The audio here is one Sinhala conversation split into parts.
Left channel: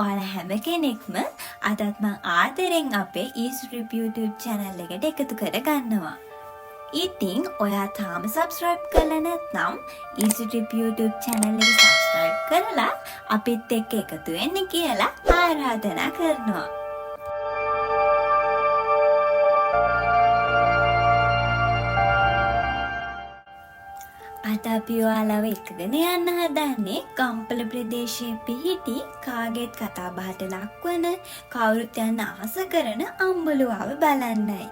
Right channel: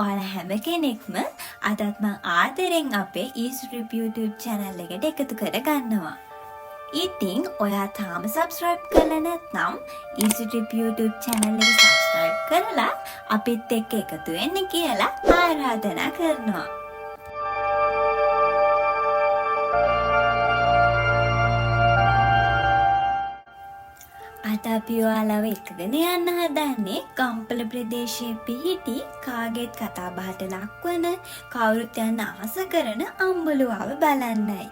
ඔයාලා හැම කෙනෙක්ම අදත් මං ආදරෙන් අපේ EasyTrip YouTube channel එකට එකතු කරගන්නවා. ඉතින් ඔයා තාම subscribe කරලා නැත්නම් EasyTrip YouTube channel එක subscribe කරලා අපිත් එක්ක එකතු වෙන්න කියලා ආරාධනා කරනවා. අද අපි ඔයාලව එක්කගෙන යන්න හදන්නේ ගම්පල ප්‍රදේශයේ පිහිටි කාගේත් කතා බහට ලක්වන කවුරුත් යන්න ආස කරන අම්බලුවාව බලන්නයි.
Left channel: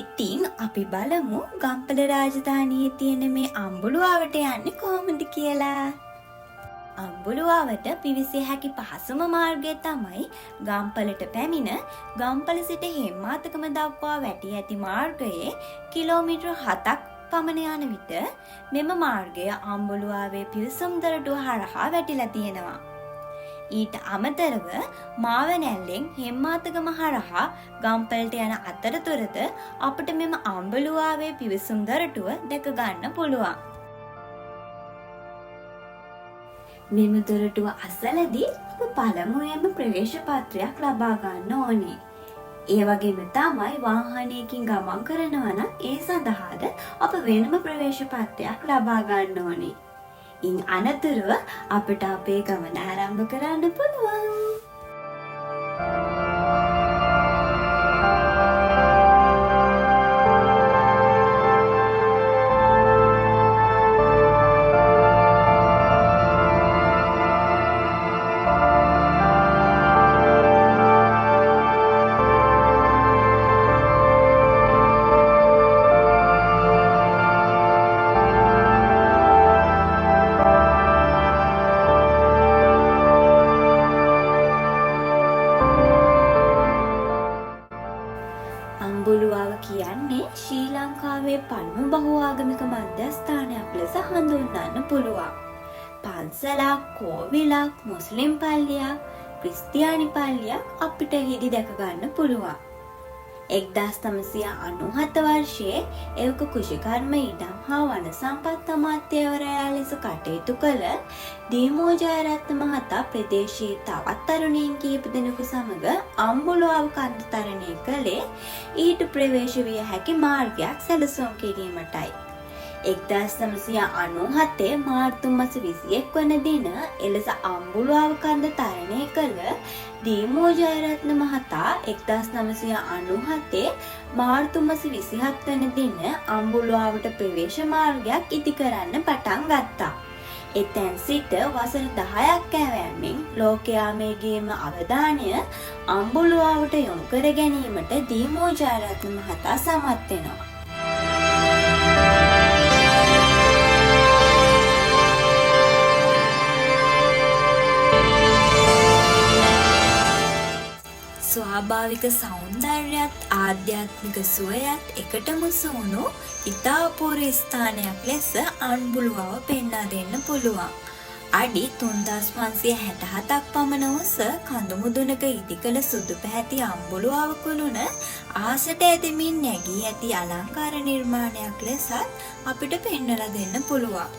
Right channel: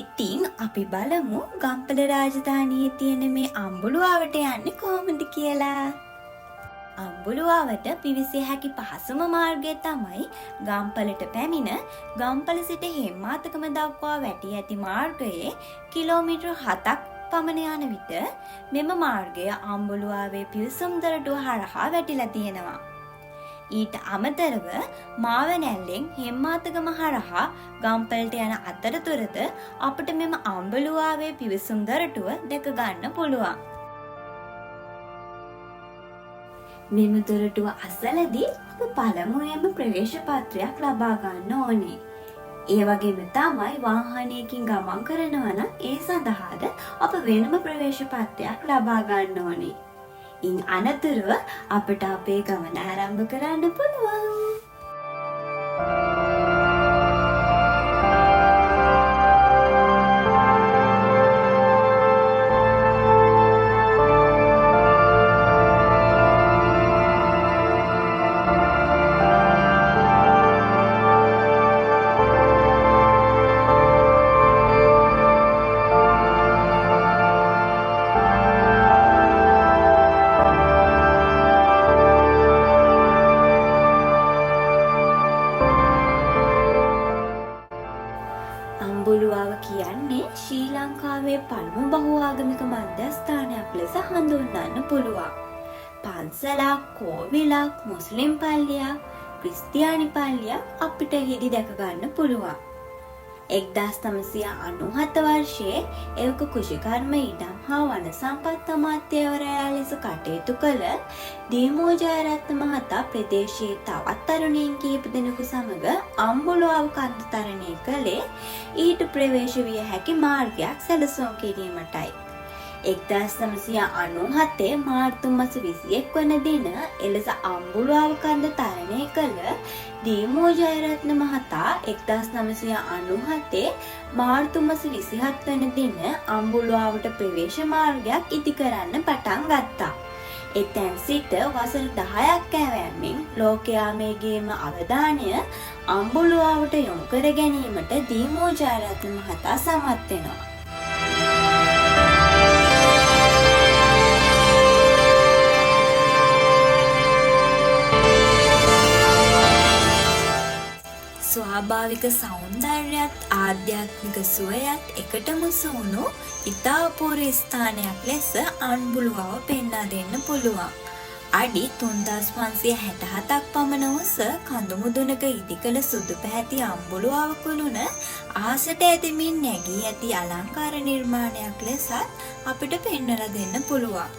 ඉතින් අපි බලමු ගම්පල රාජධානියේ තියෙන මේ අම්බලුවාවට යන්නේ කොහොමද කියලා. අම්බලුවාවට පිවිසිය හැකි පහසුම මාර්ගය තමයි ගම්පලට පැමිණ ගම්පල සිට හෙම්මාතකම දක්වා වැටී ඇති මාර්ගයේ කිලෝමීටර් 7ක් පමණ යන විට මෙම මාර්ගය අම්බලුවාවේ පිවිසුම් දොරටුව හරහා වැටිලා තියෙනවා. ඊට අමතරව මාවනැල්ලෙන් හෙම්මාතගම හරහා ගම්පලට යන අතරතුරද අපිට මෙම අම්බලුවාවේ පිවිසුම් දොරටුව දැක ගන්න පුළුවන්. මෙම දොරටුව අසලදී අප පළමුවෙන්ම ප්‍රවේශ පත්‍රයක් ලබා ගන්න ඕනේ. ඒ වගේම තමයි වාහනයකින් ගමන් කරනවා නම් ඒ සඳහාද අප වෙනම ප්‍රවේශ පත්‍රයක් ලබා ගන්න ඕනේ. ඉන් අනතුරුව අපට අපේ ගමන ආරම්භ කරන්න පුළුවන්. අම්බලුවාව කියන්නේ ශ්‍රී ලංකාවේ පළමු බහුආගමික මධ්‍යස්ථානයක් ලෙස හඳුන්වන්න පුළුවන්. පන්සලක්, කෝවිලක්, මුස්ලිම් පල්ලියක්, ක්‍රිස්තියානි පල්ලියක් අපිට හිදි දැක ගන්න පුළුවන්. 1997 වර්ෂයේ එවක කුෂිකර්ම ඉඩම් හා වන සම්පත් අමාත්‍යවරයා ලෙස කටයුතු කළ දී.මු. ජයරත්න මහතා ප්‍රදේශයේ තවත් තරුණයින් කිහිප දෙනෙකු සමග අම්බලුවාව කන්ද තරණය කළේ ඊට ප්‍රවේශ විය හැකි මාර්ගයක් සැලසුම් කිරීමටයි. 1997 මාර්තු මාස 21 වන දින එලෙස අම්බලුවාව කන්ද තරණය කළ දී.මු. ජයරත්න මහතා 1997 මාර්තු මාස 27 වන දින අම්බලුවාවට ප්‍රවේශ මාර්ගයක් ඉදි කරන්න පටන් ගත්තා. එතැන් සිට වසර 10ක් ඇවෑමෙන් ලෝකයා මේගේම අවධානය අම්බලුවාවට යොමු කර ගැනීමට දී.මු. ජයරත්න මහතා සමත් වෙනවා. ස්වාභාවික සෞන්දර්යයත් ආධ්‍යාත්මික සුවයත් එකටම සුණු ඉතා අපූර්ව ස්ථානයක් ලෙස අම්බලුවාව පෙන්වා දෙන්න පුළුවන්. අඩි 3567ක් පමණ උස කඳු මුදුනක ඉදිකළ සුදු පැහැති අම්බලුවාව කුළුණ ආසට ඇදෙමින් නැගී ඇති අලංකාර නිර්මාණයක් ලෙසත් අපිට පෙන්වලා දෙන්න පුළුවන්.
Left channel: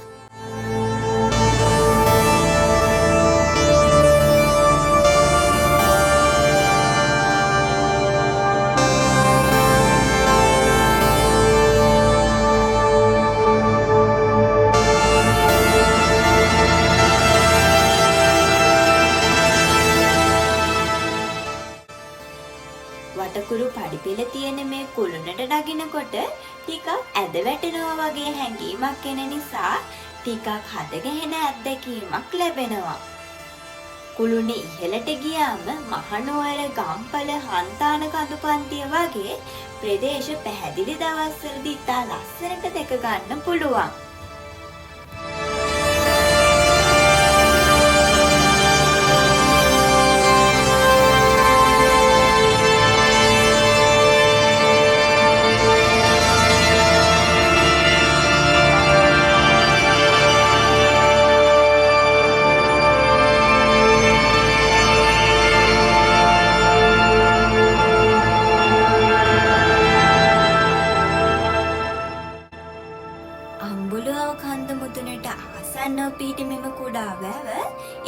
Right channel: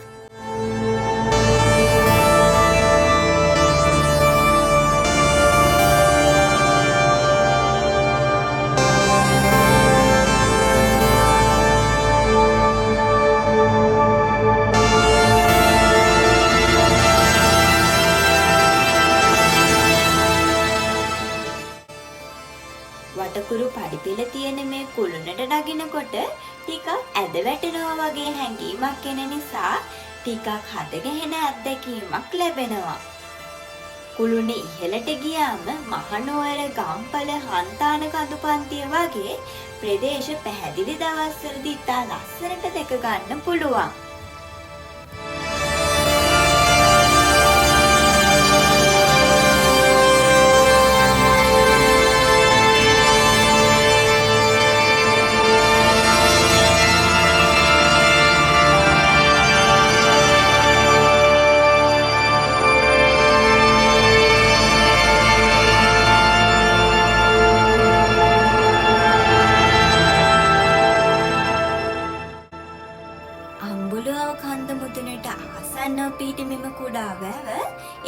වටකුරු පඩිපෙළ තියෙන මේ කුළුණට නගිනකොට ටිකක් ඇද වැටෙනවා වගේ හැඟීමක් එන නිසා ටිකක් හදගැහෙන අත්දැකීමක් ලැබෙනවා. කුළුණ ඉහළට ගියාම මහනුවර, ගම්පල, හන්තාන කඳුපන්තිය වගේ ප්‍රදේශ පැහැදිලි දවස්වලදී ඉතා ලස්සනට දැක ගන්න පුළුවන්. අඹුලුව කන්ද මුදුනට ආසන්නව පිහිටි මෙම කුඩා වැව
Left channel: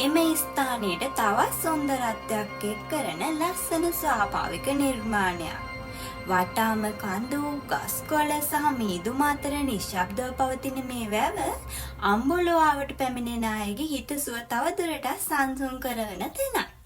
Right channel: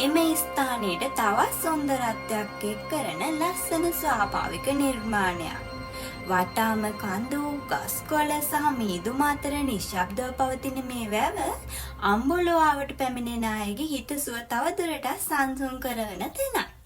එම ස්ථානයට තවත් සුන්දරත්වයක් එක් කරන ලස්සන ස්වාභාවික නිර්මාණයක්. වටාම කඳු, ගස්කොළ සහ මීදුම අතර නිශ්ශබ්දව පවතින මේ වැව අඹුලුවාවට පැමිණෙන අයගේ හිතසුව තව දුරටත් සංසුන් කරවන තැනක්.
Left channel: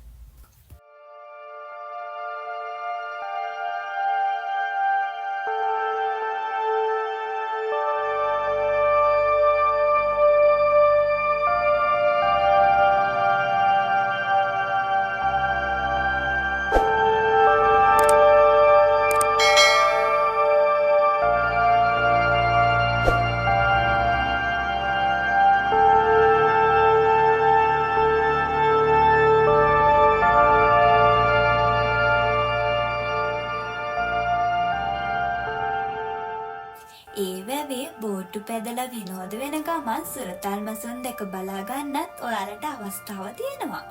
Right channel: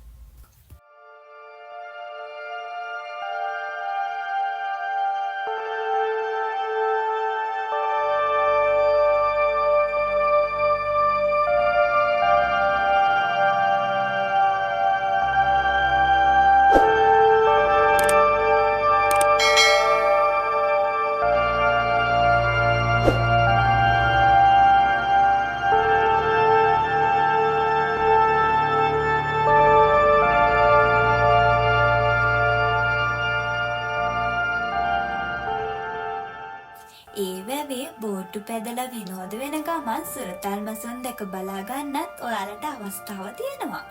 ඒ වැවේ බෝට්ටු පැදලා විනෝද වෙන ගමන් සුරතල් මසුන් දැක බලා ගන්නත් ඔයාලට අවස්ථාව තියෙනවා.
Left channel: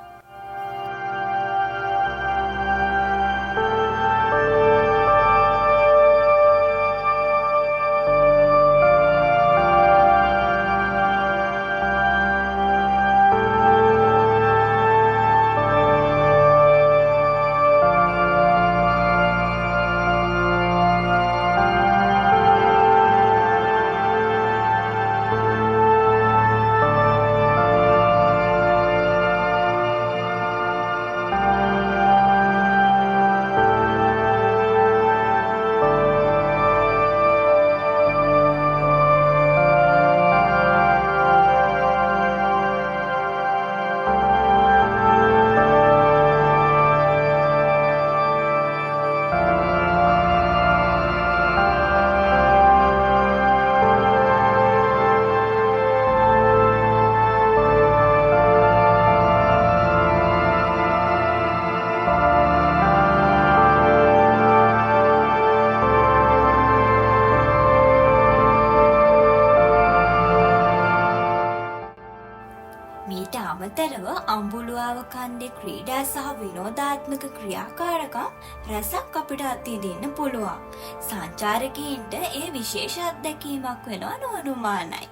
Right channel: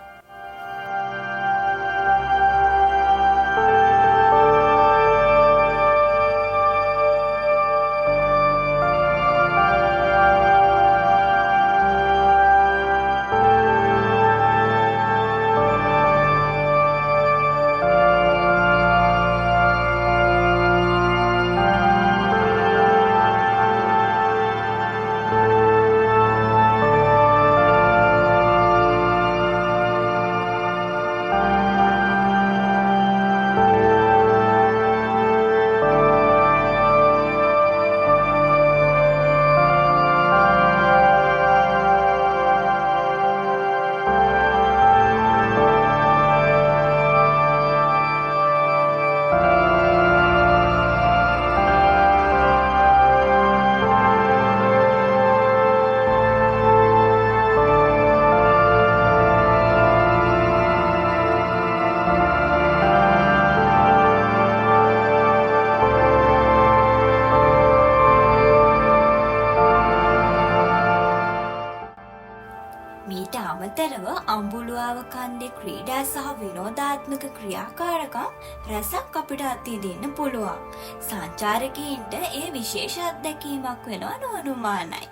මීට අමතරව අඹුලුවාව කන්දේ ක්‍රීඩා සහ විනෝදාත්මක ක්‍රියාකාරකම් රැසක් අපිට අත්විඳින්න පුළුවන්. සංචාරකීන්ට ඒ විශේෂ අත්දැකීමක් වෙනවා නොඅනුමානයි.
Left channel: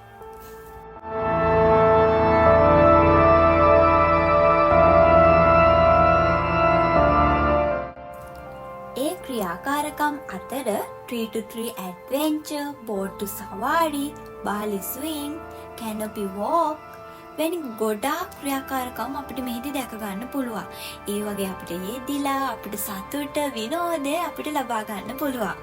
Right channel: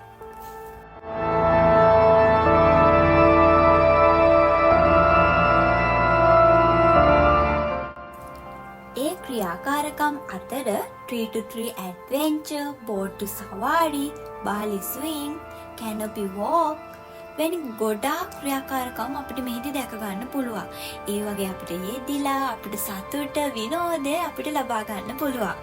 ඒ ක්‍රියාකාරකම් අතර tree to tree adventure, බෝට්ටු සවාරි, බාලි ස්විං, canopy walk වැනි ගොඩාක් ක්‍රියාකාරකම් අපිට මෙහිදී දැක ගන්න පුළුවන්. ඒ වගේ අපිට යෙදිලා අපිට සතුට විනෝදය අපිට ලබා ගන්න පුළුවන්.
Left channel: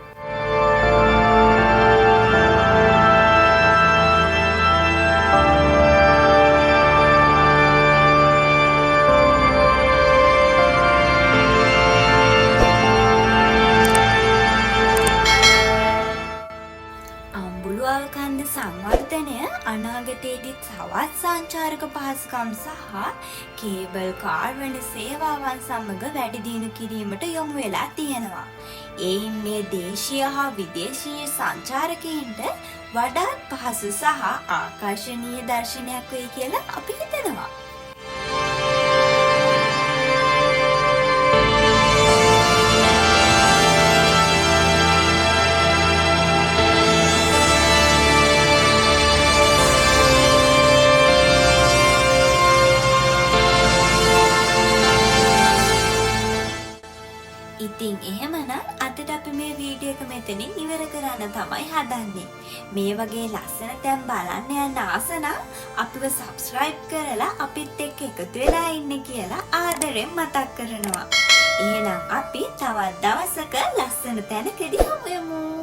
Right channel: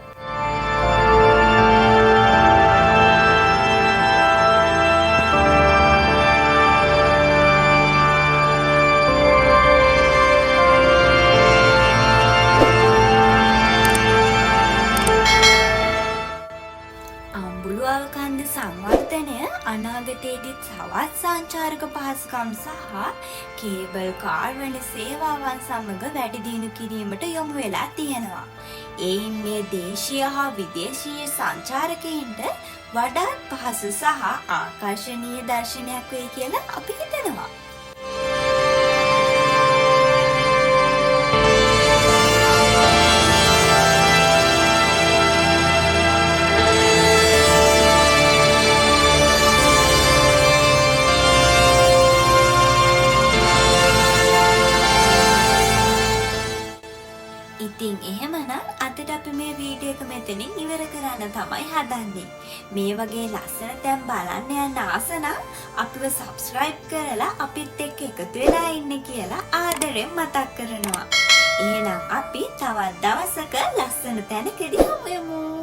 අඹුලුවාව කන්ද සංවර්ධනය අනාගතයේදී තවත් සංචාරක පහසුකම් සහ කේබල් කාර් වැනි සේවාවන් සමග වැඩි දියුණු කිරීමට යොමු වෙලා තියෙනවා. එයින් මේ දේශීය හා විදේශීය සංචාරකයින්ට වඩාත් පහසු සහ ආකර්ෂණීය දර්ශනයක් වෙයි කියලා අපි හිතනවා. ඉතින් එහෙමනම් අදට අපි මේ වීඩියෝ එක මෙතනින් ඉවර කරන්න තමයි හදන්නේ. මේ වගේ ලස්සන තැන් බලන්න යන්න ආස නම් අපිව subscribe කරලා අපිත් එක්ක එකතු වෙලා ඉන්න කියලා ආදරෙන් මතක් කරනවා. එහෙනම් අපි තවත් දවසක ලස්සන තැනකදී හමු වෙමු.